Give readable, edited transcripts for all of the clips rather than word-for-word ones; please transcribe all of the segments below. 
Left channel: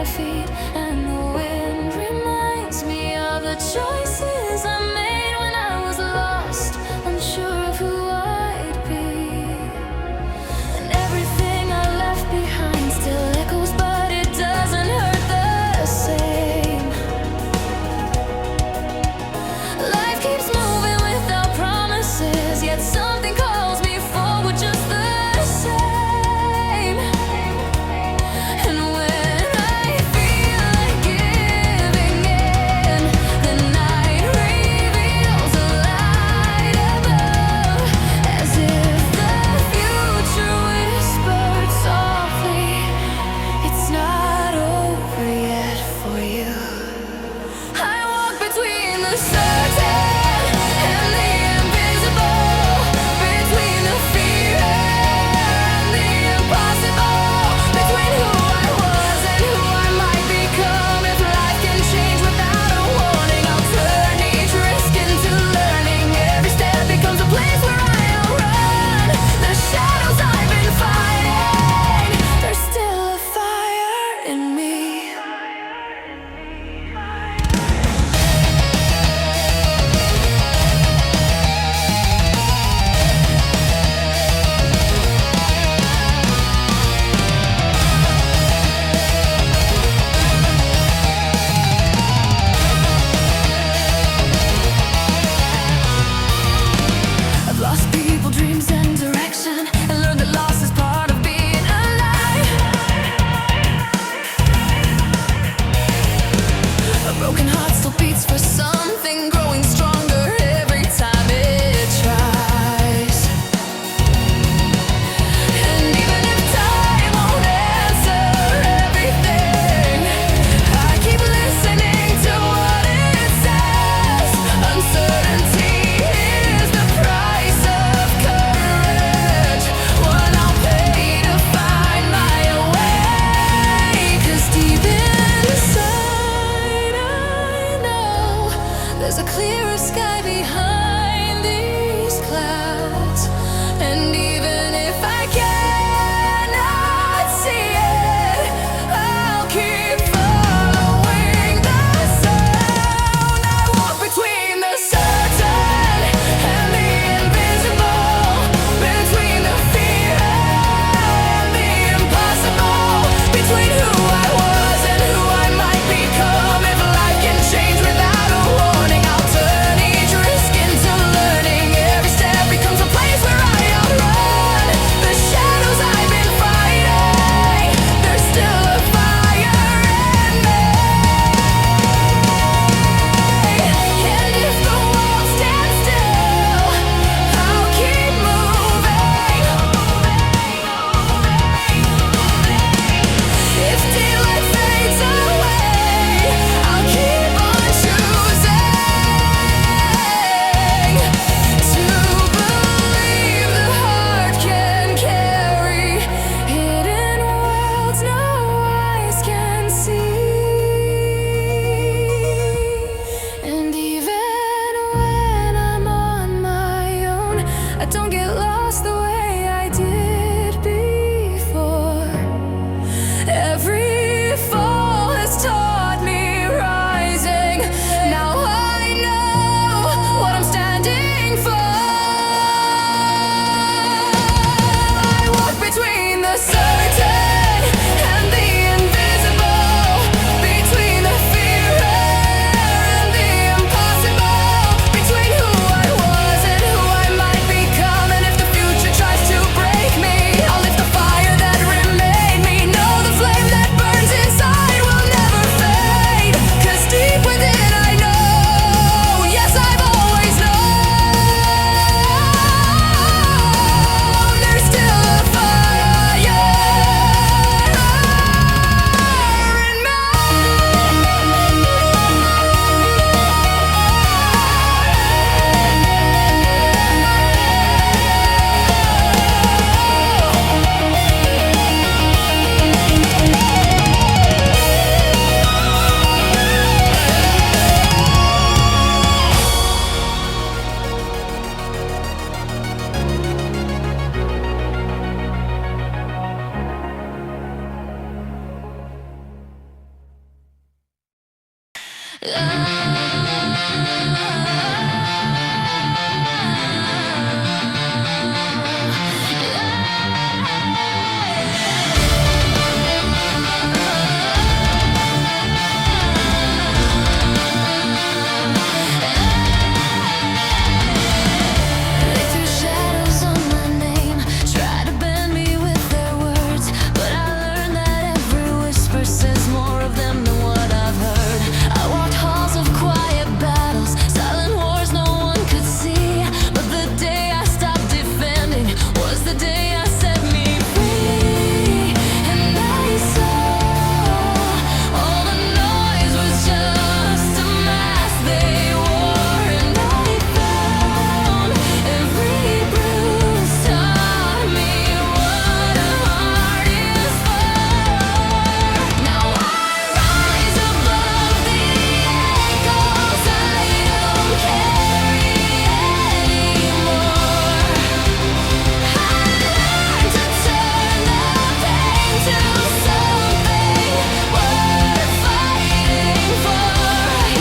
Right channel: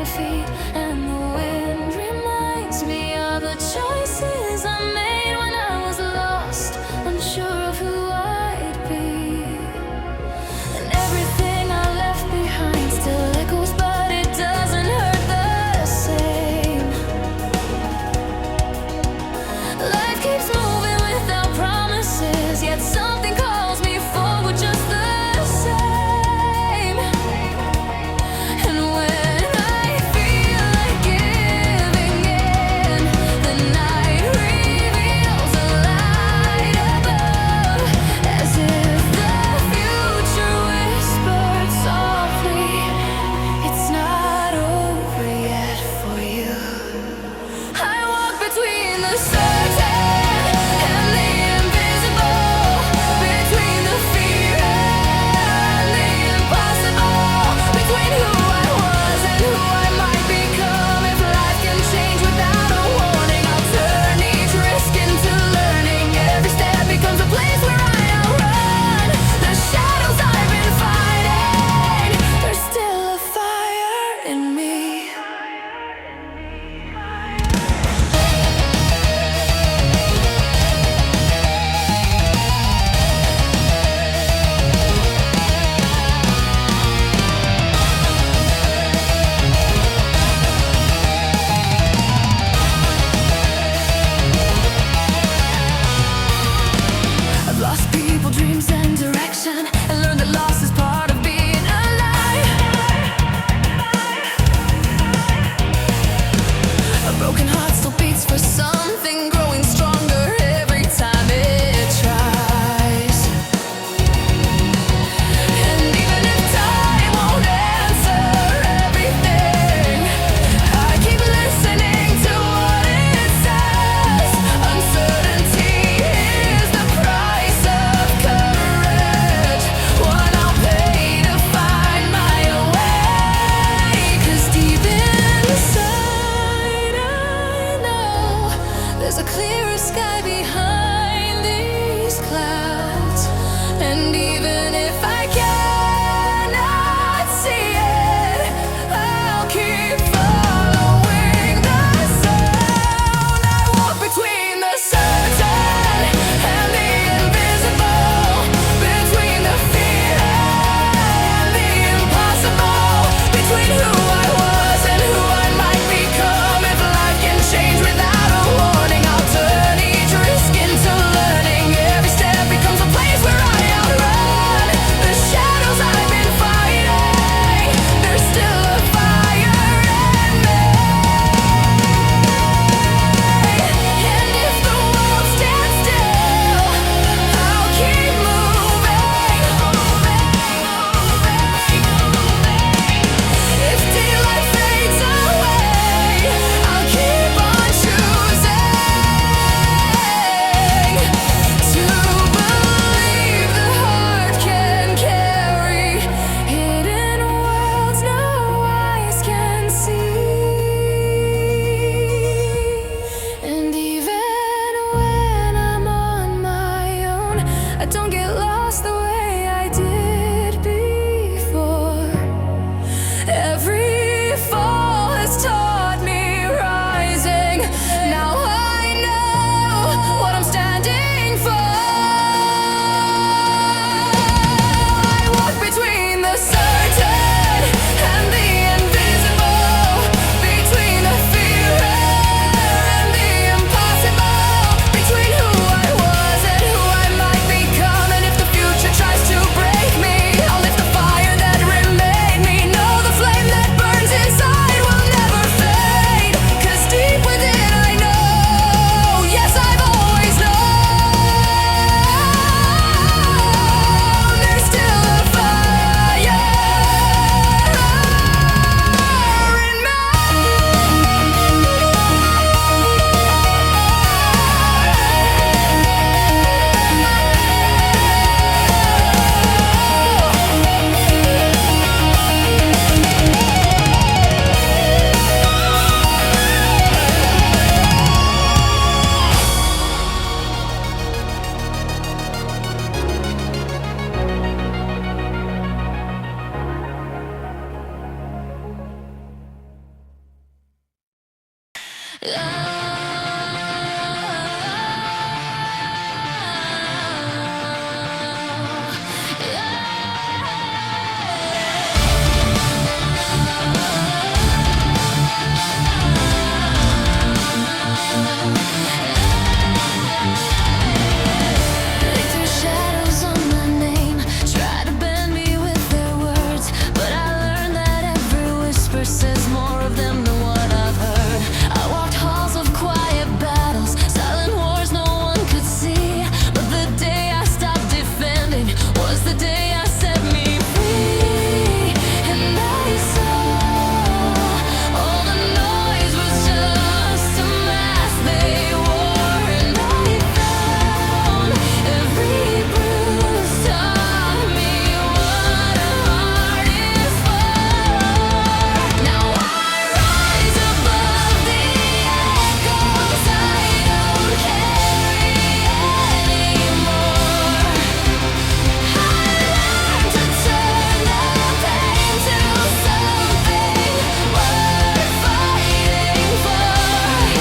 my feet, and the wind reminds me of the choices I made when I was lost, unsure of who I'd be. And everything I left behind still echoes, but it doesn't hurt the same. Life keeps moving without promises, yet something calls me forward just the same. And when I feel like giving in, the night reveals They threw shadows on my name, tried to bend me with their words, but I learned that every whisper says more of them than what I've heard. I walked halls of quiet battles, silent wars no one could see, but the day I stopped defending was the day I set me free. And I saw all the noise was just a mask they wore, and I found every bruise taught me what a heart is for. Now I rise above the echoes I don't carry anymore. I learned to turn the pain to something worth fighting for.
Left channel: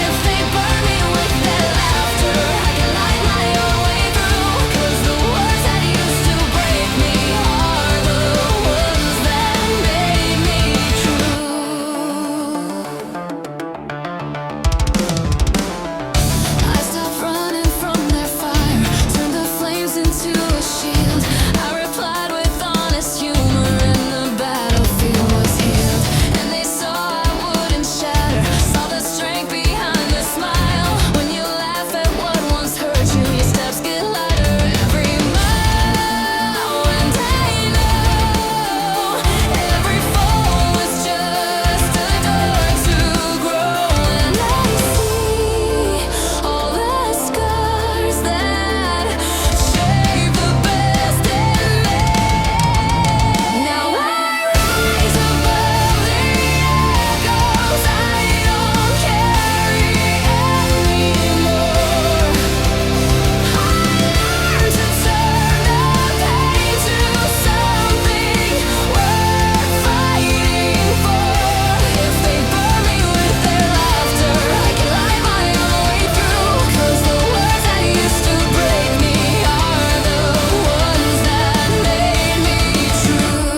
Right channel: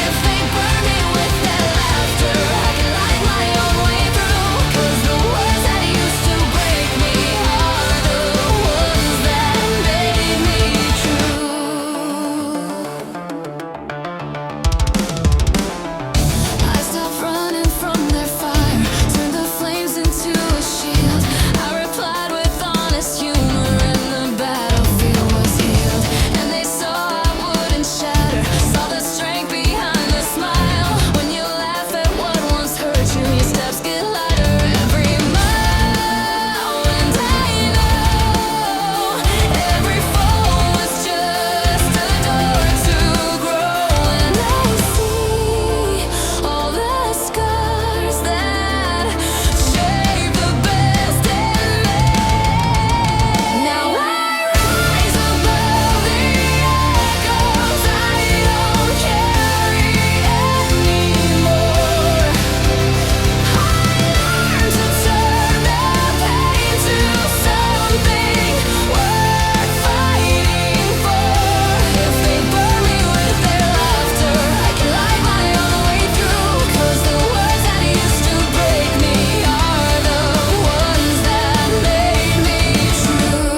If they burn me with their laughter, I can light my own way through. 'Cause the words that used to break me are the ones that made me true. I stopped running from their fire, turned the flames into a shield. I replied with honest humor, and the battlefield was healed. And they saw I wouldn't shatter, saw the strength behind the smile. When you laugh at what once hurt you, your steps get lighter every mile. And I know every fall is just a door to grow. And I see all the scars that shape the best in me. Now I rise above the echoes I don't carry anymore. I learned to turn the pain to something worth fighting for. If they burn me with their laughter, I can light my own way through. 'Cause the words that used to break me are the ones that made me true.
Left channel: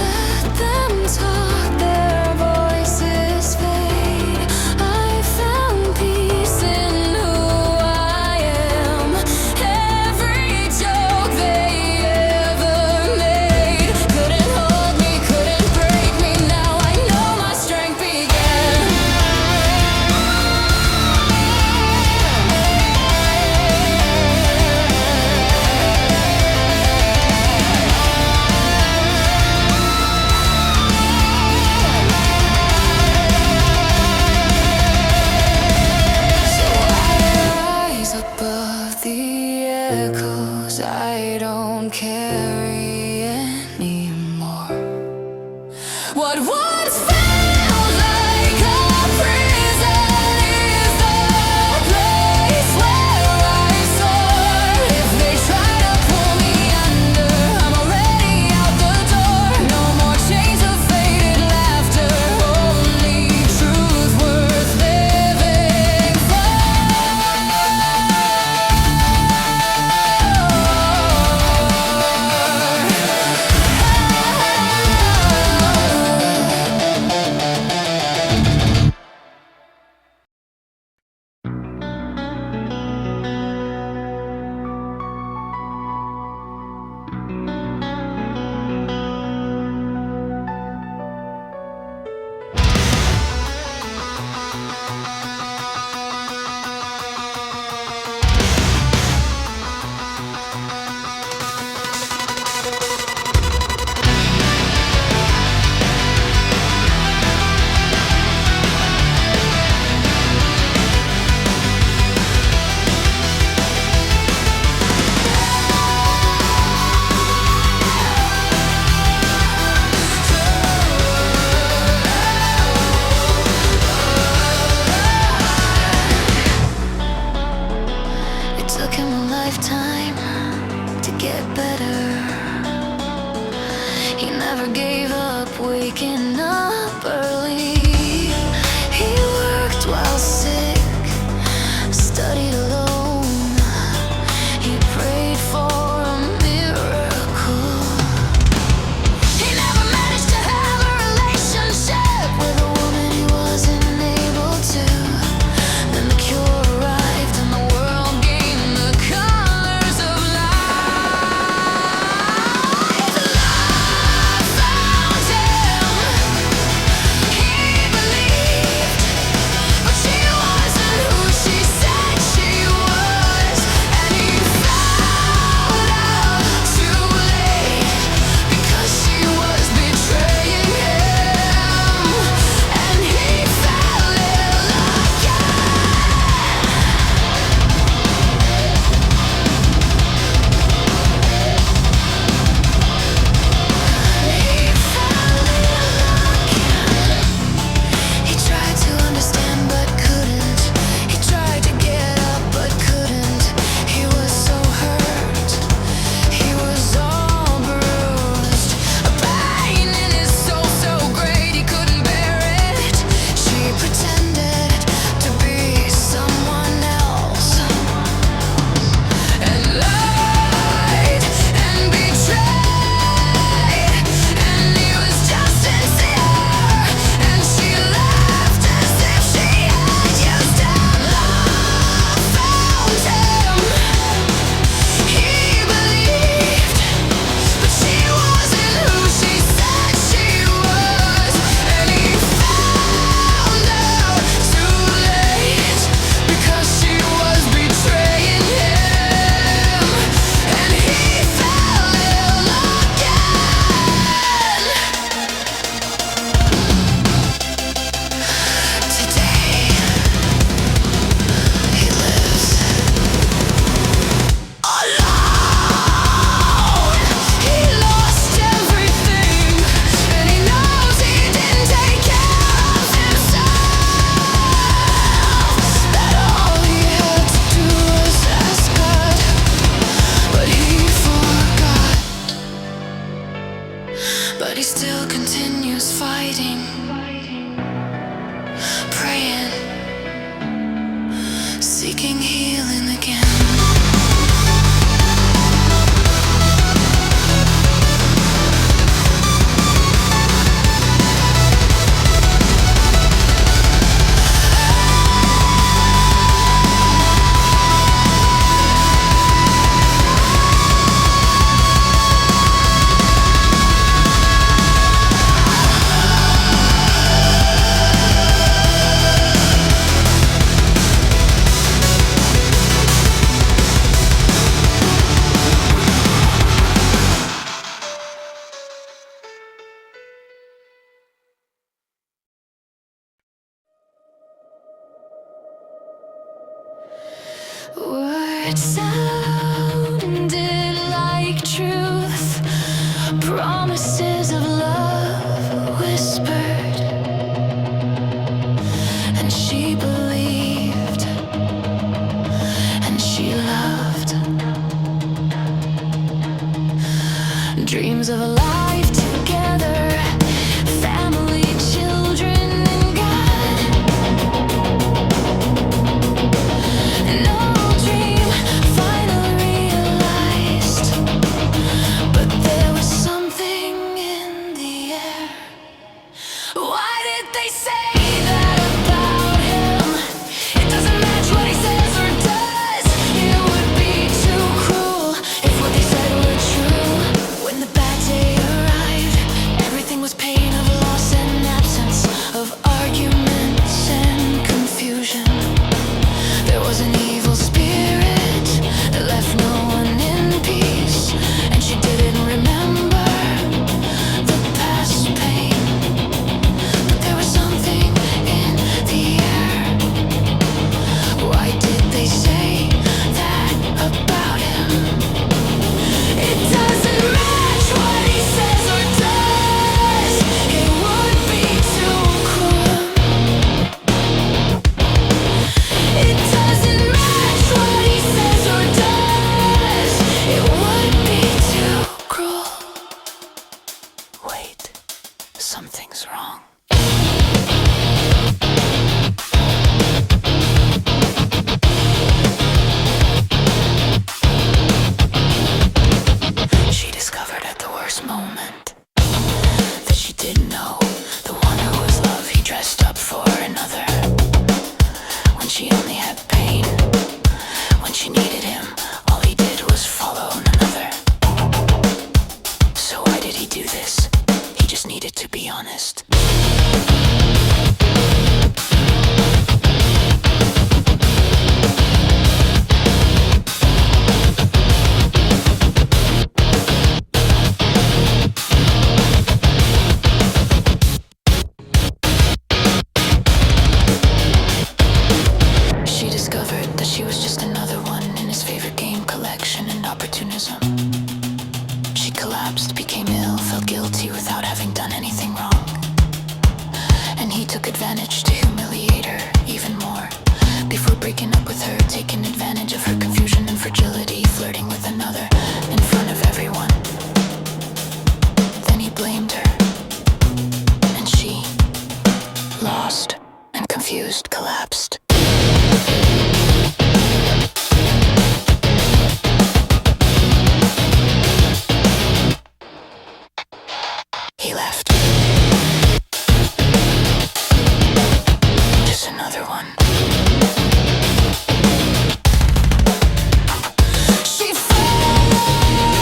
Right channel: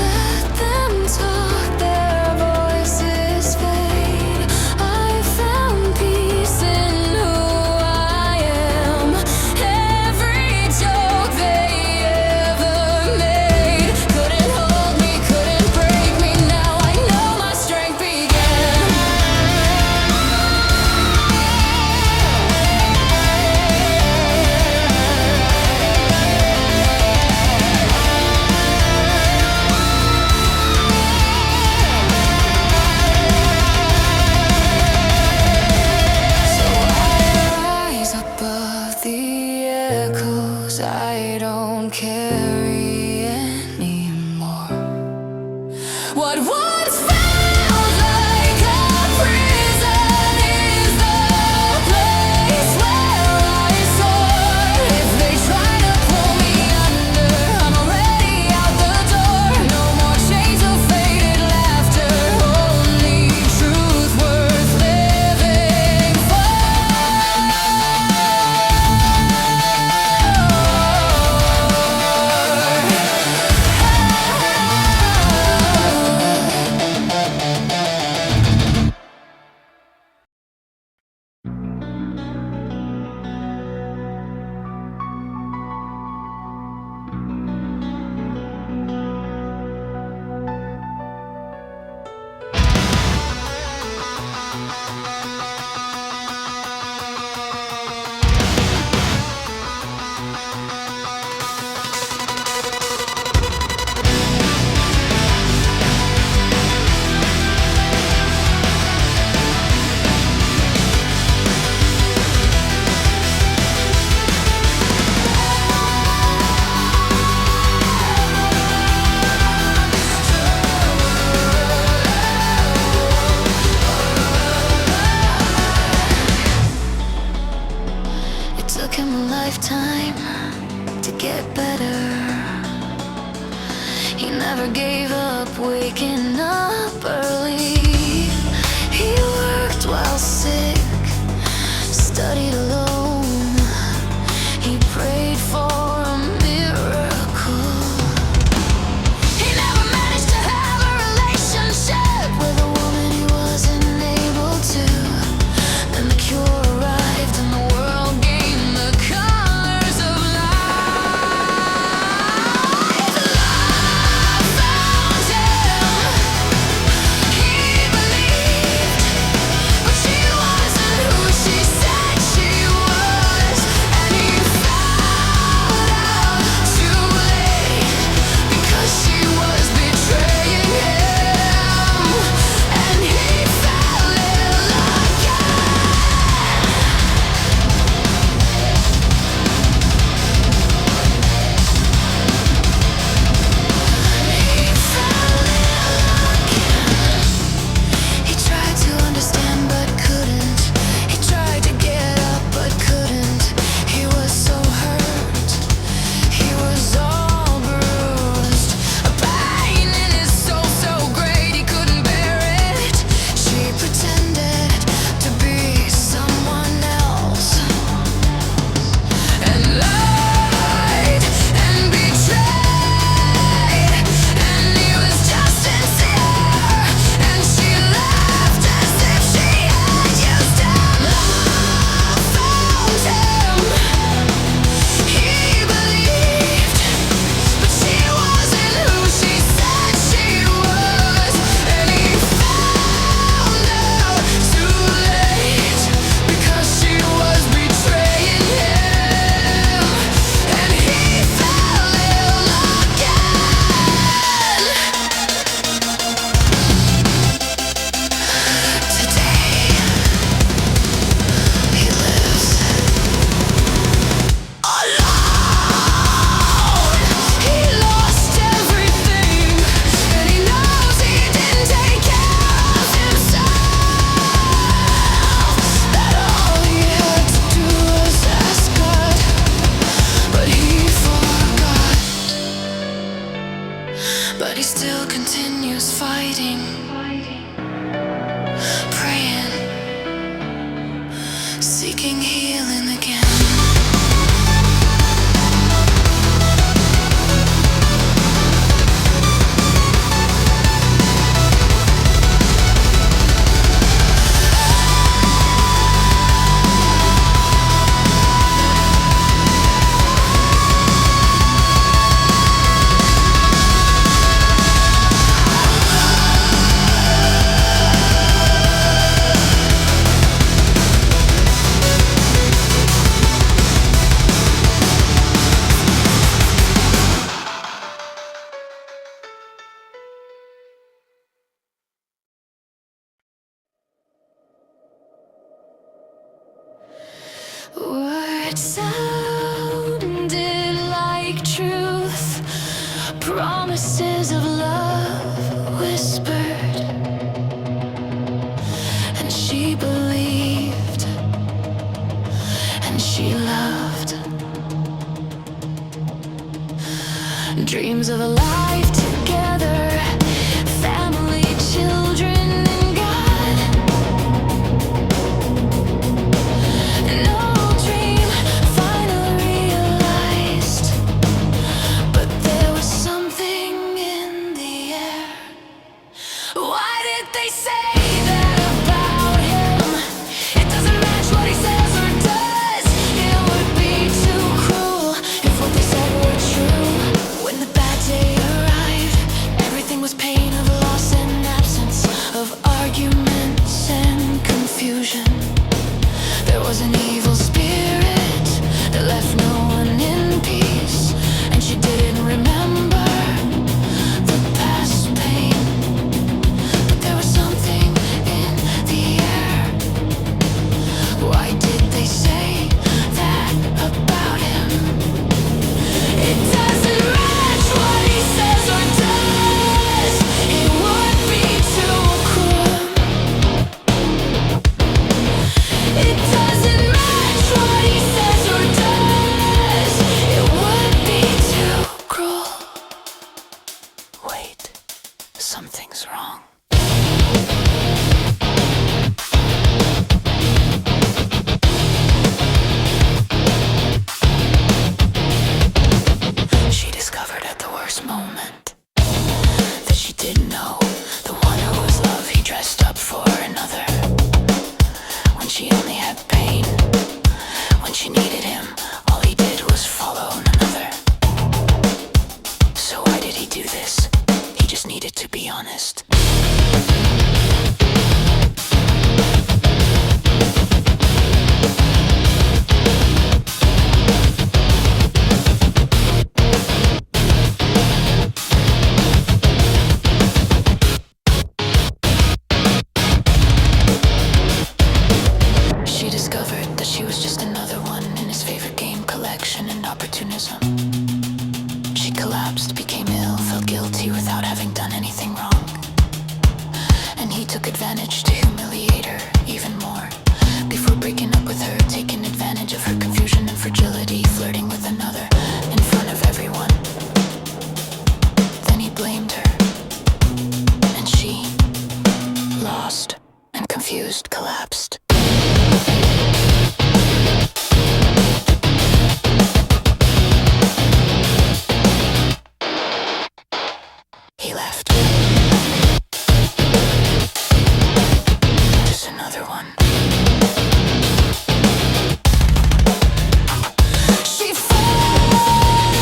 Let them talk, their voices fade. I found peace in who I am. Every joke they ever made couldn't hold me, couldn't break me. Now I know my strength began. So I rise above the echoes I don't carry anymore. What once felt like a prison is the place where I soar. If they try to pull me under, I'm already out the door. No more chains of faded laughter, only truth worth living for. lifetime to get better. He never gave up, waking up early. He worked while sick, studied alone. He prayed for a miracle. He never managed to have a relationship with a woman he wasn't able to. Then the cure arrived and the world gained the colors of life. Love found him. He believed, but she wasn't who she said she was. And he found out too late, because she was betraying him. And he fell ill again. He fell ill again. He tried to understand but couldn't. He tried to get up but couldn't. He was so hurt. He was all bruised. A pain in his soul so great he couldn't bear it. She pretended to be someone else, and lied and betrayed. And he was just sincere, and she laughed as if she had used him. Love found him. He believed, but she wasn't who she said she was. And he found out too late, because she was betraying him. And he fell ill again. Today, he lives alone. He lost everything, and he knows he didn't take care of himself. That all he had to do was ask God, but he forgot. But he still continues fighting, praying, seeking healing again. Words sounded like truth, promises of love whispered, and she believed, and she loved. Dreams of a life together, family, children, and God. No dream finally realized, but there was something in the air. Why did they say that about him? It doesn't match what he says or does. It would be too cruel if what they said were true. When the bad day arrived, collapsed, became ill, felt guilty without having done anything wrong. And he took advantage to humiliate her even more. Before breaking up with her, taking advantage of her confusion and fragility, flirting with another in front of everyone. Then he blamed her, and she, lost and confused, collapsed. He left. Just another one. She fights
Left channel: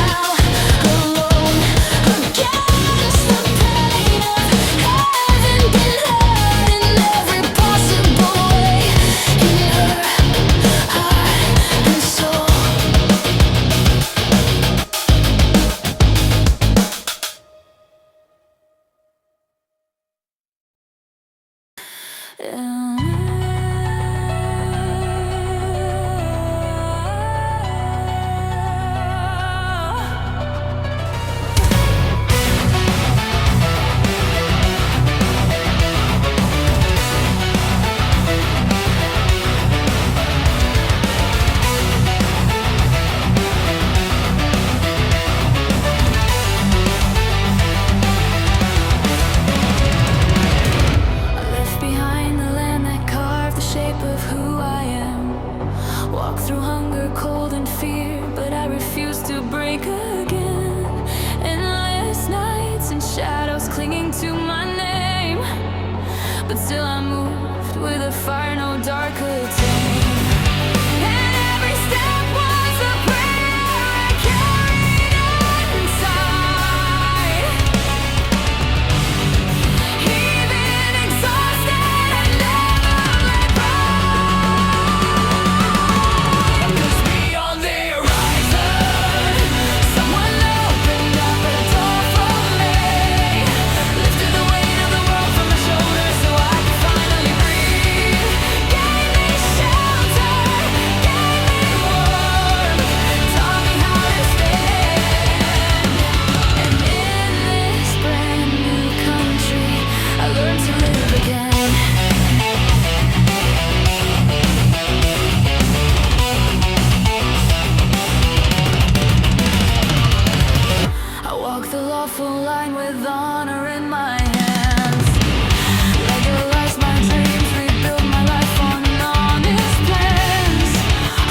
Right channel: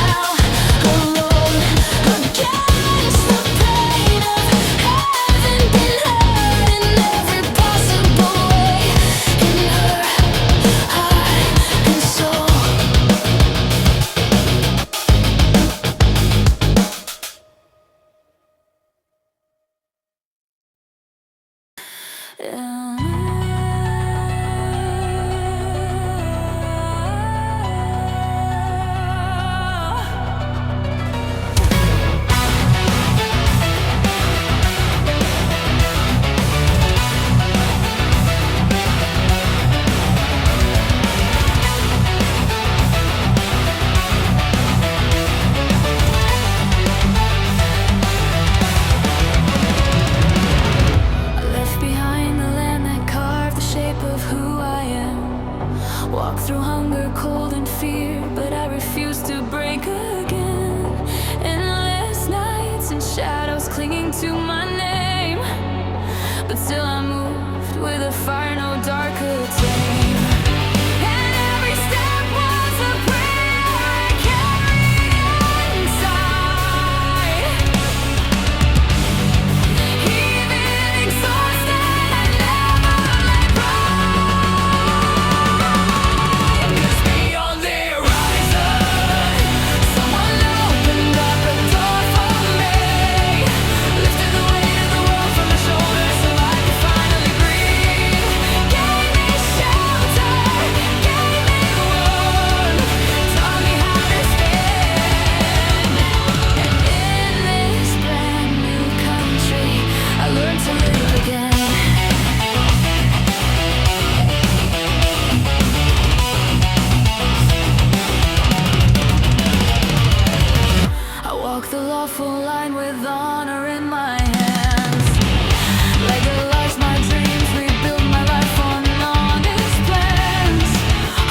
now, alone, against the pain of having been hurt in every possible way, in her heart and soul. Walk through hunger, cold and fear, but I refuse to break again. Endless nights and shadows clinging to my name, but still I'm moved with a fire no dark could tame. And every step was a prayer I carried inside. Even exhausted, I never let go. Walk the lawful line with honor in my hands. Legalize my dreams, rebuild my life on honest plans.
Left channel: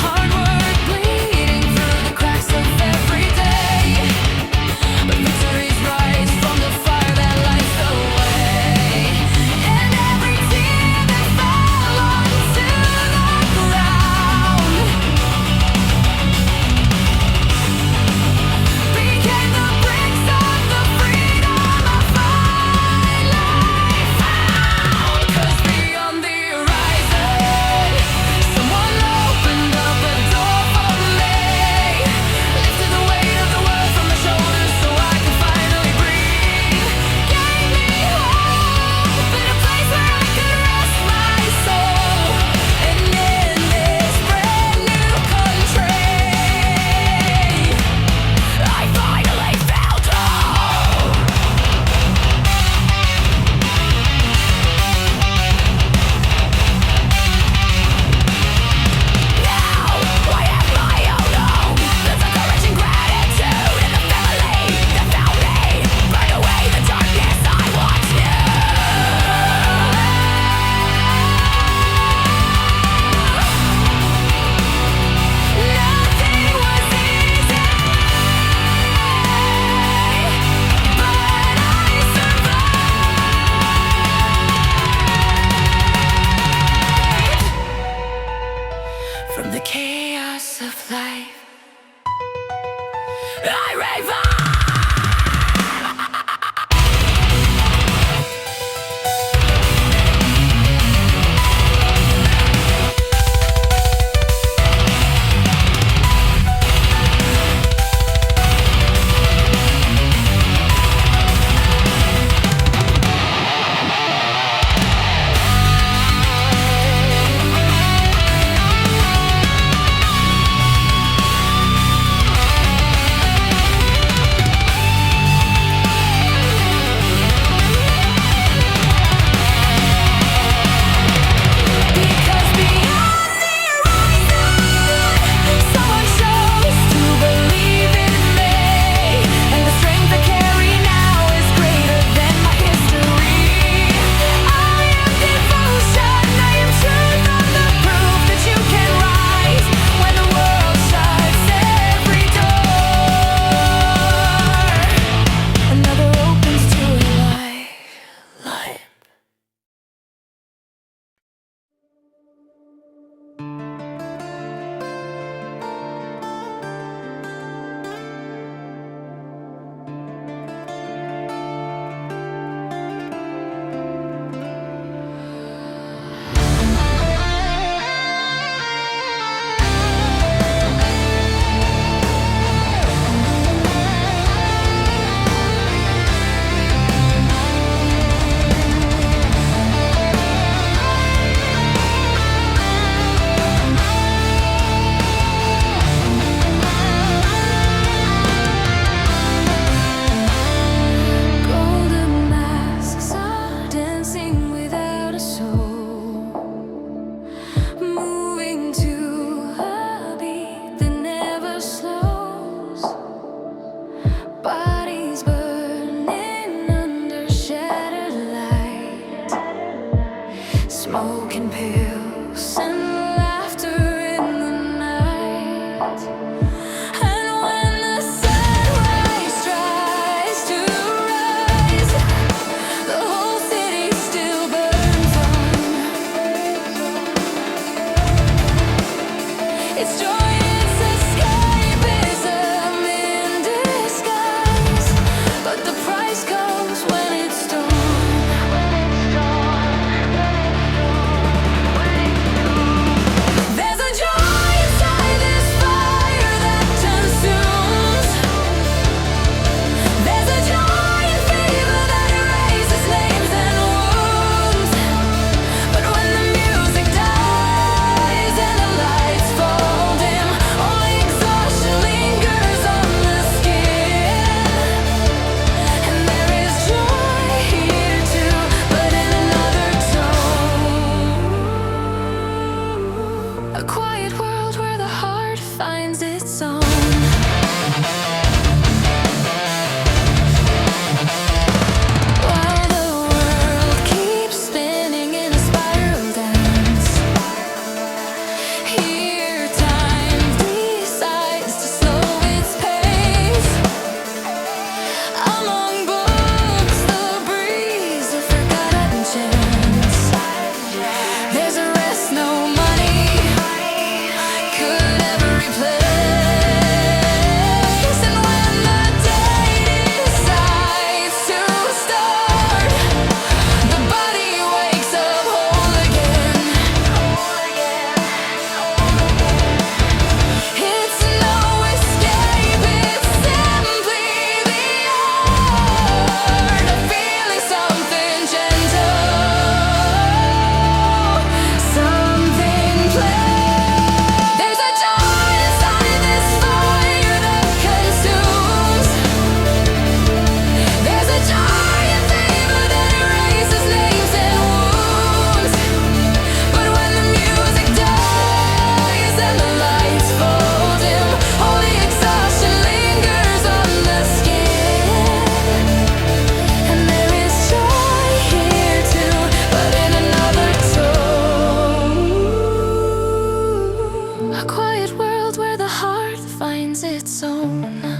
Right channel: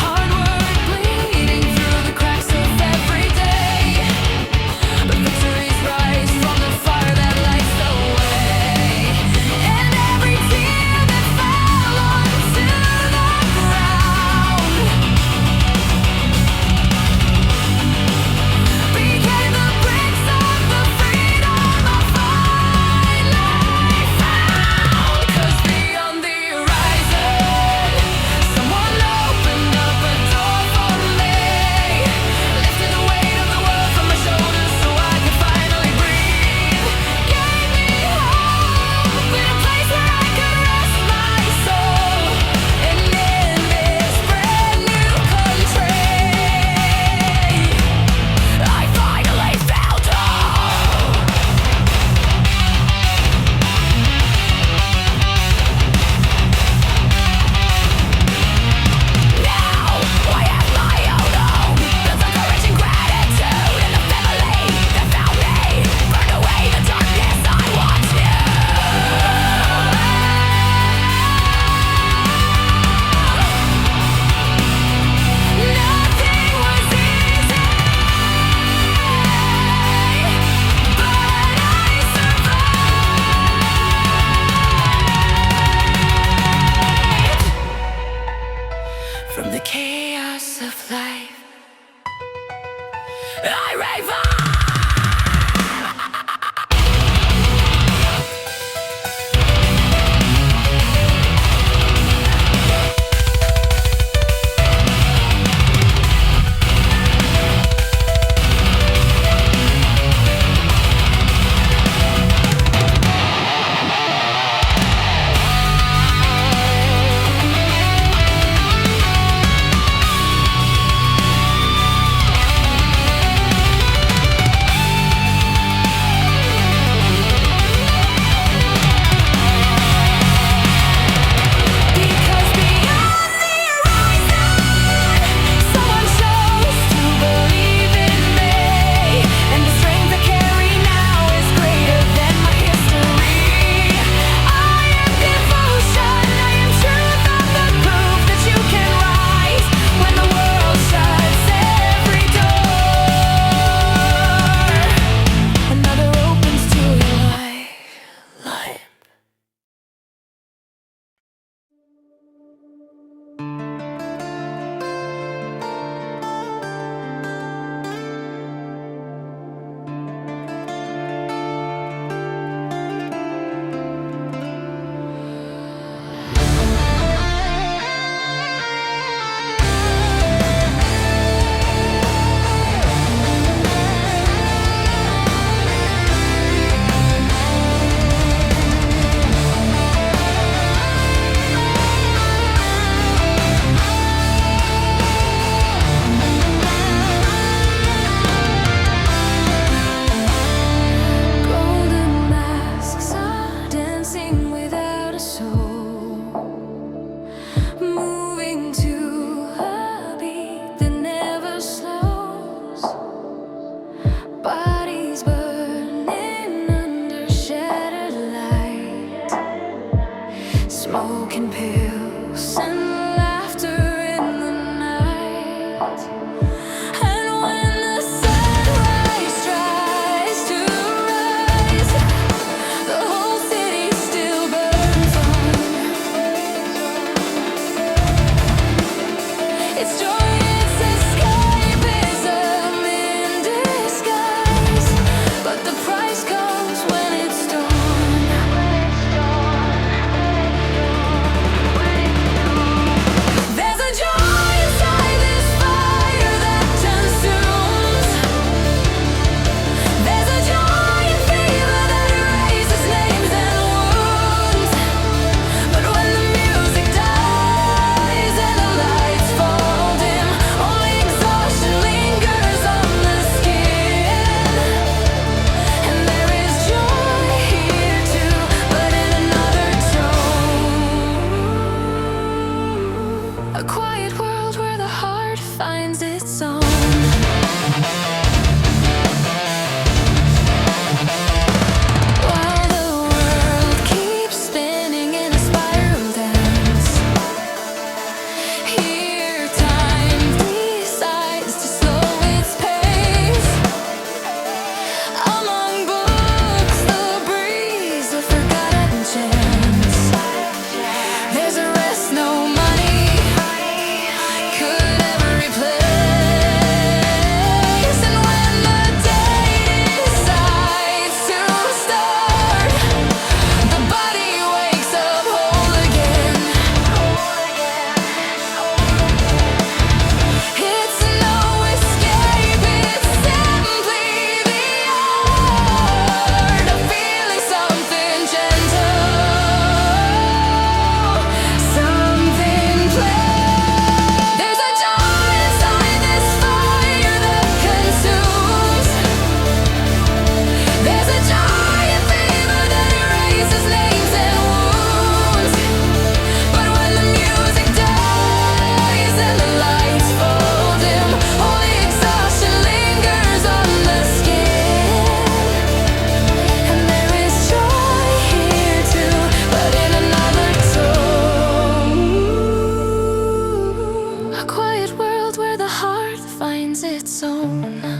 Hard work bleeding through the cracks of every day, but victories rise from the fire that lights the way. And every tear that fell onto the ground became the bricks of the freedom I finally found. 'Cause beyond the horizon, someone opened up a door for me, lifted the weight of the world from my shoulders so I could finally breathe, gave me hope in a place where I could rest my soul. And in this brand new country, I finally found hope. Now I have my own home, built on courage and gratitude, and the family that found me burned away the darkness I once knew. Nothing was easy, but I survived. From the chaos of life, I revive.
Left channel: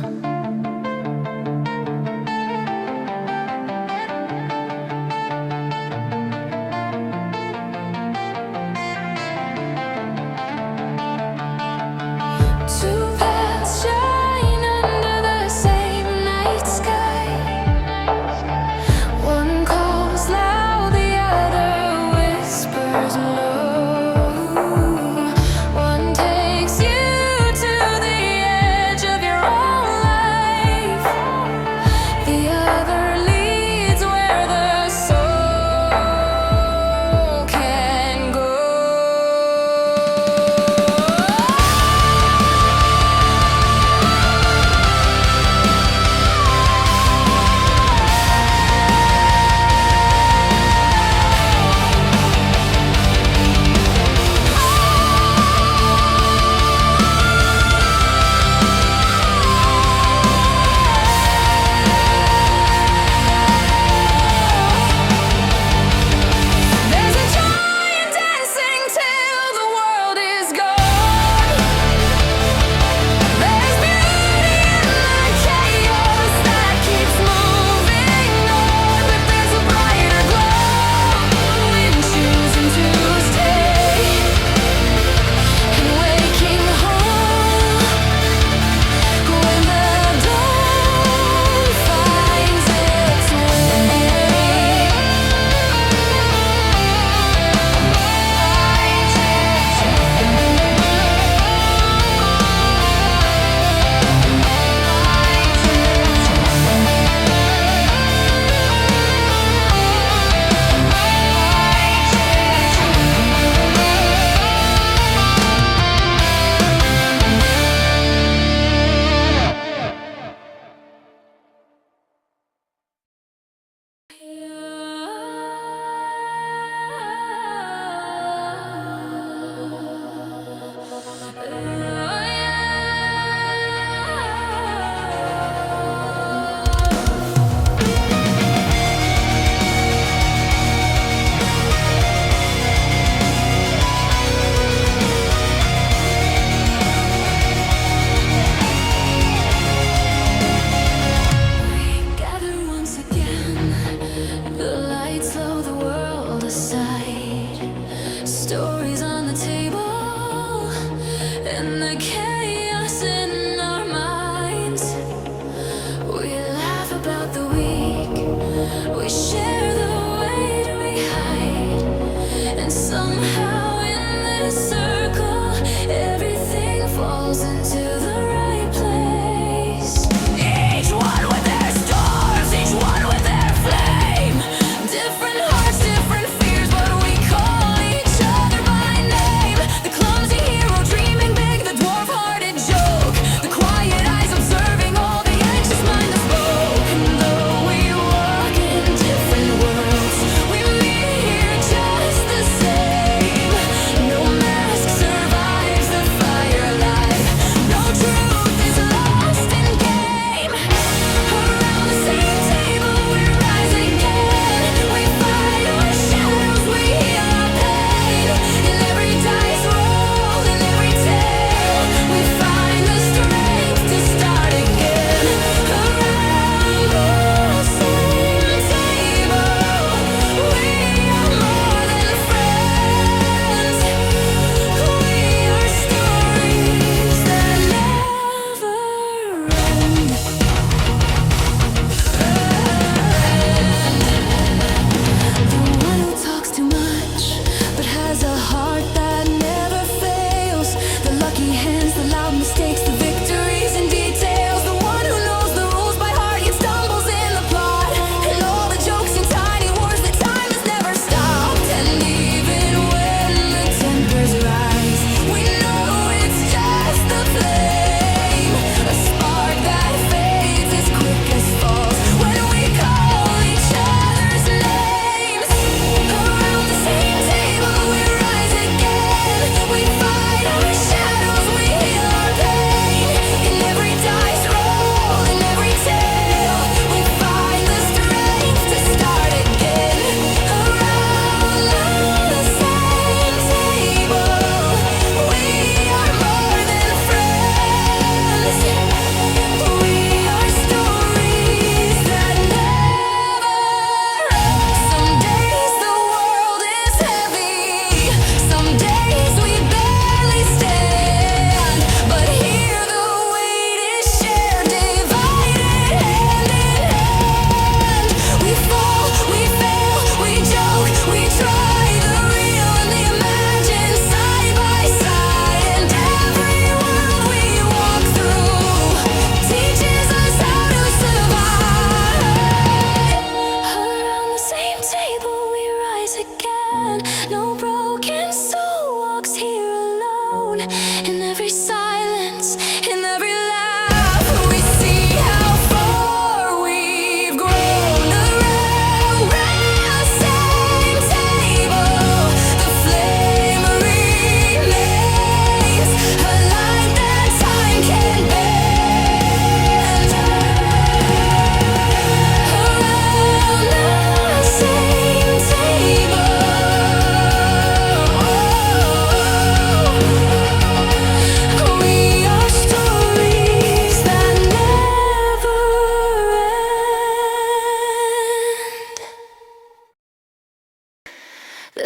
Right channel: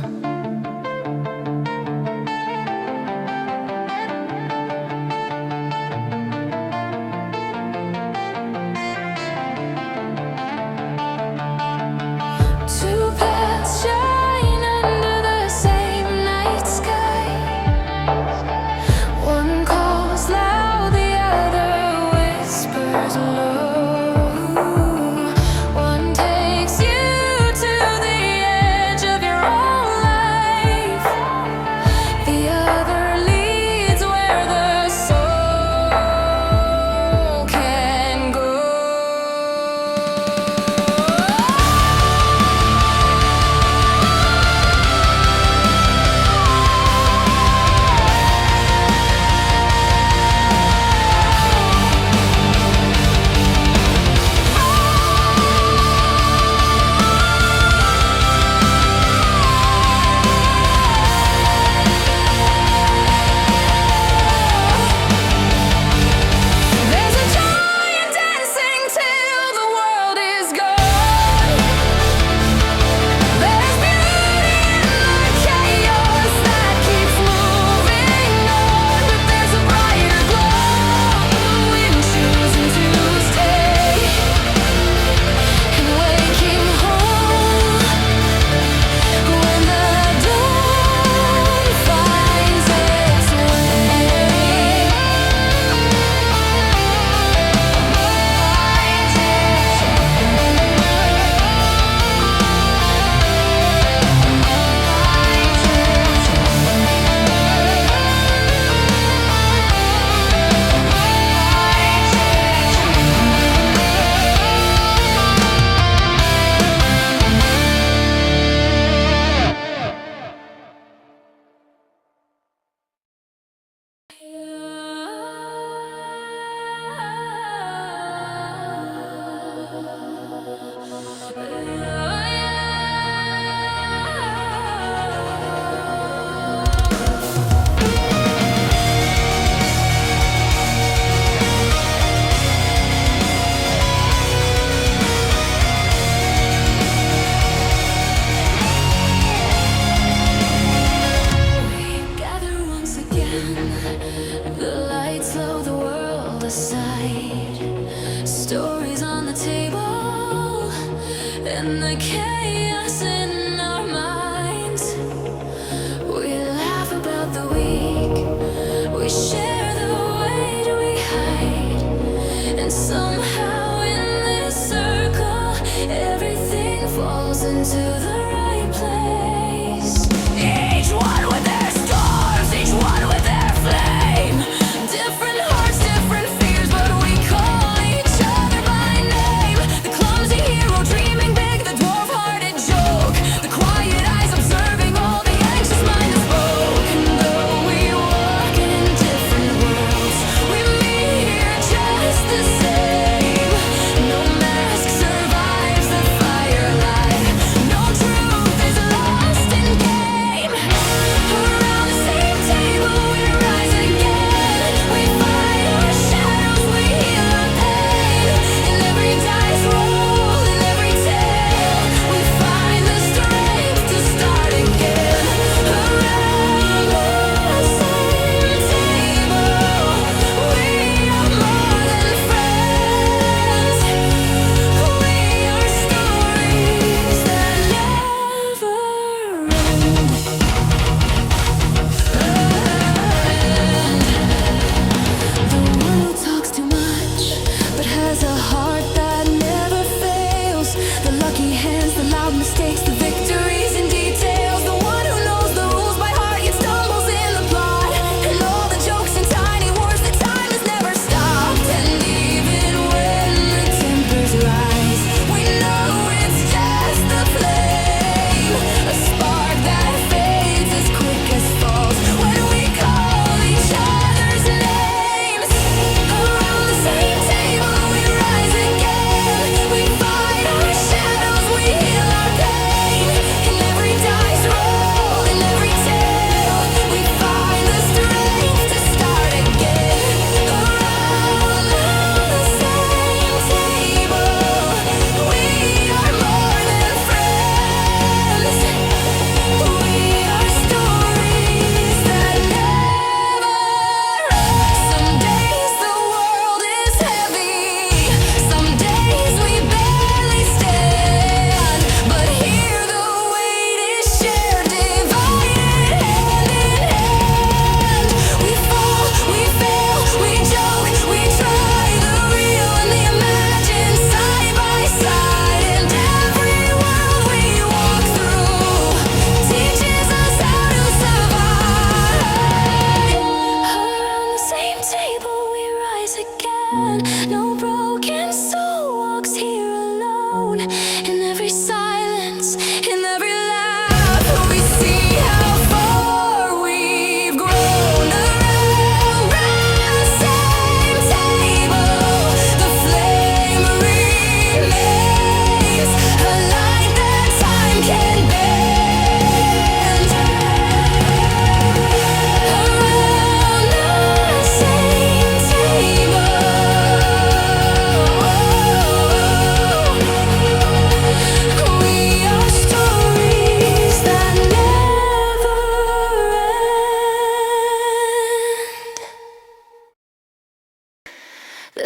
Two paths shine under the same night sky. One calls loud, the other whispers low. One takes you to the edge of your own life.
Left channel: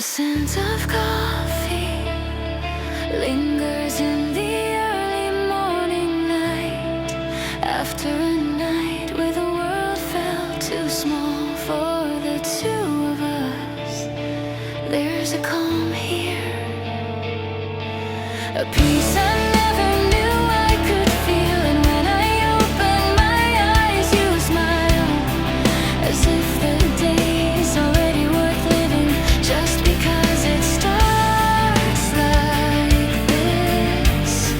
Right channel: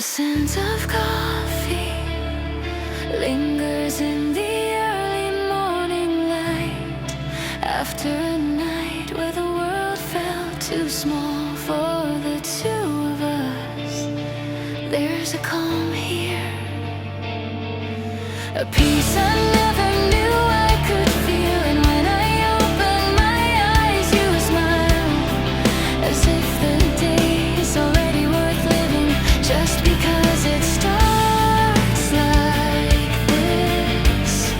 scent of coffee lingers in the early morning light. After a night where the world felt too small for the two of us, there's a calm here, a peace I never knew I could feel. And when I open my eyes, you smile, as if the day is already worth living, just because it starts like this.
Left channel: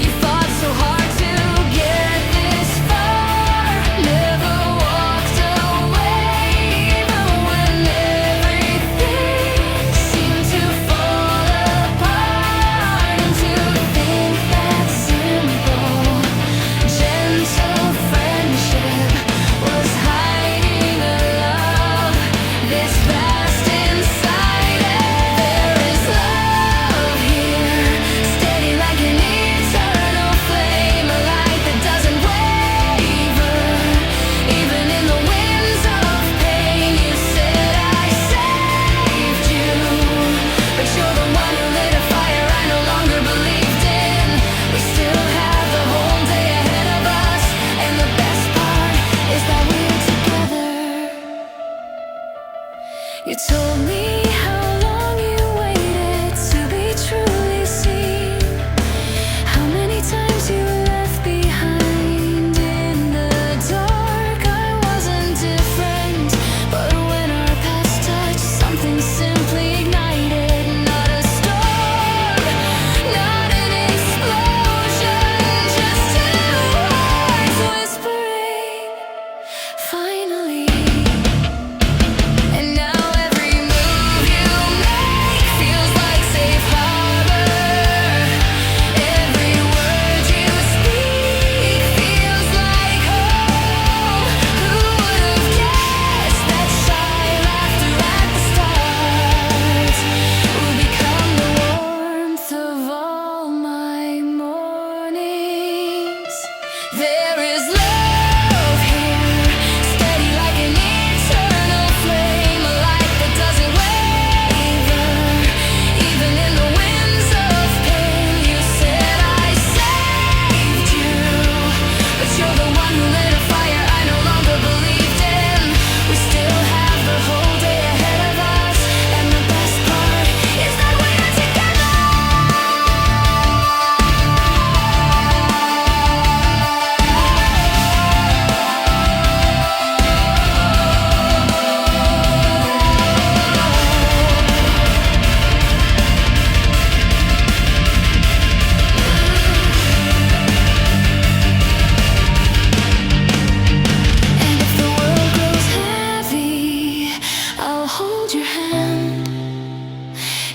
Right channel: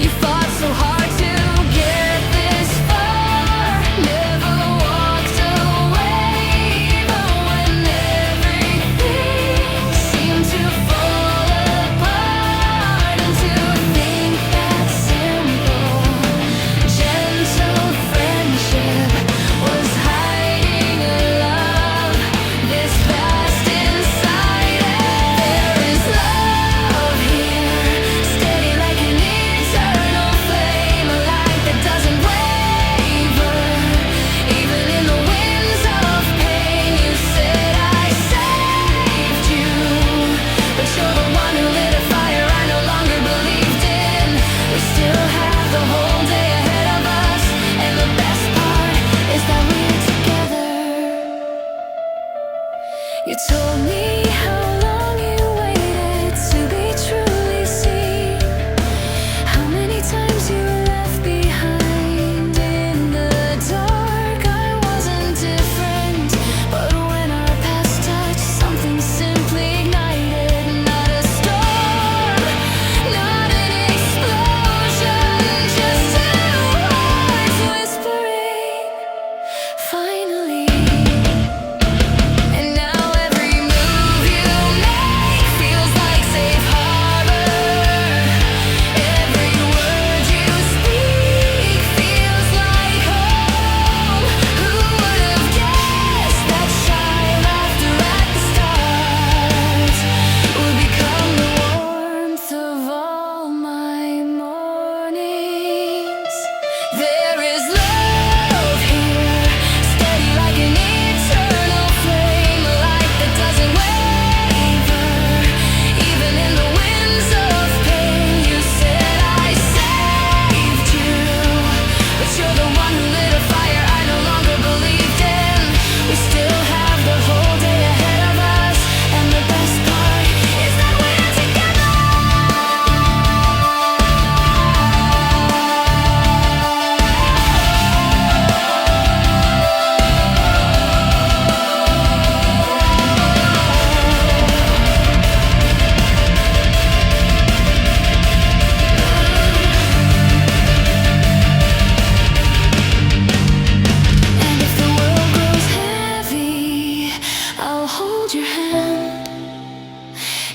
You fought so hard to get this far, never walked away, even when everything seemed to fall apart. And to think that simple, gentle friendship was hiding a love this vast inside it. There is love here, steady like an eternal flame, a light that doesn't waver, even in the winds of pain. You said I saved you, but you're the one who lit a fire I no longer believed in. We still have the whole day ahead of us, and the best part is that we're together. You told me how long you waited to be truly seen, how many times you were left behind in the dark. I wasn't different, but when our paths touched, something simply ignited. Not a storm, not an explosion, just two hearts whispering, finally. And now every move you make feels like safe harbor. Every word you speak feels like home. Who would have guessed that shy laughter at the start would become the warmth of all my mornings? There is love here, steady like an eternal flame, a light that doesn't waver, even in the winds of pain. You said I saved you, but you're the one who lit a fire I no longer believed in. We still have the whole day ahead of us, and the best part is that we're together. And if the world grows heavy, I'll hold your hand.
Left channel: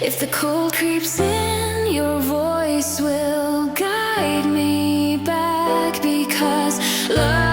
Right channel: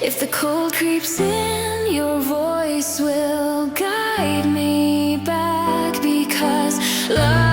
If the cold creeps in, your voice will guide me back, because love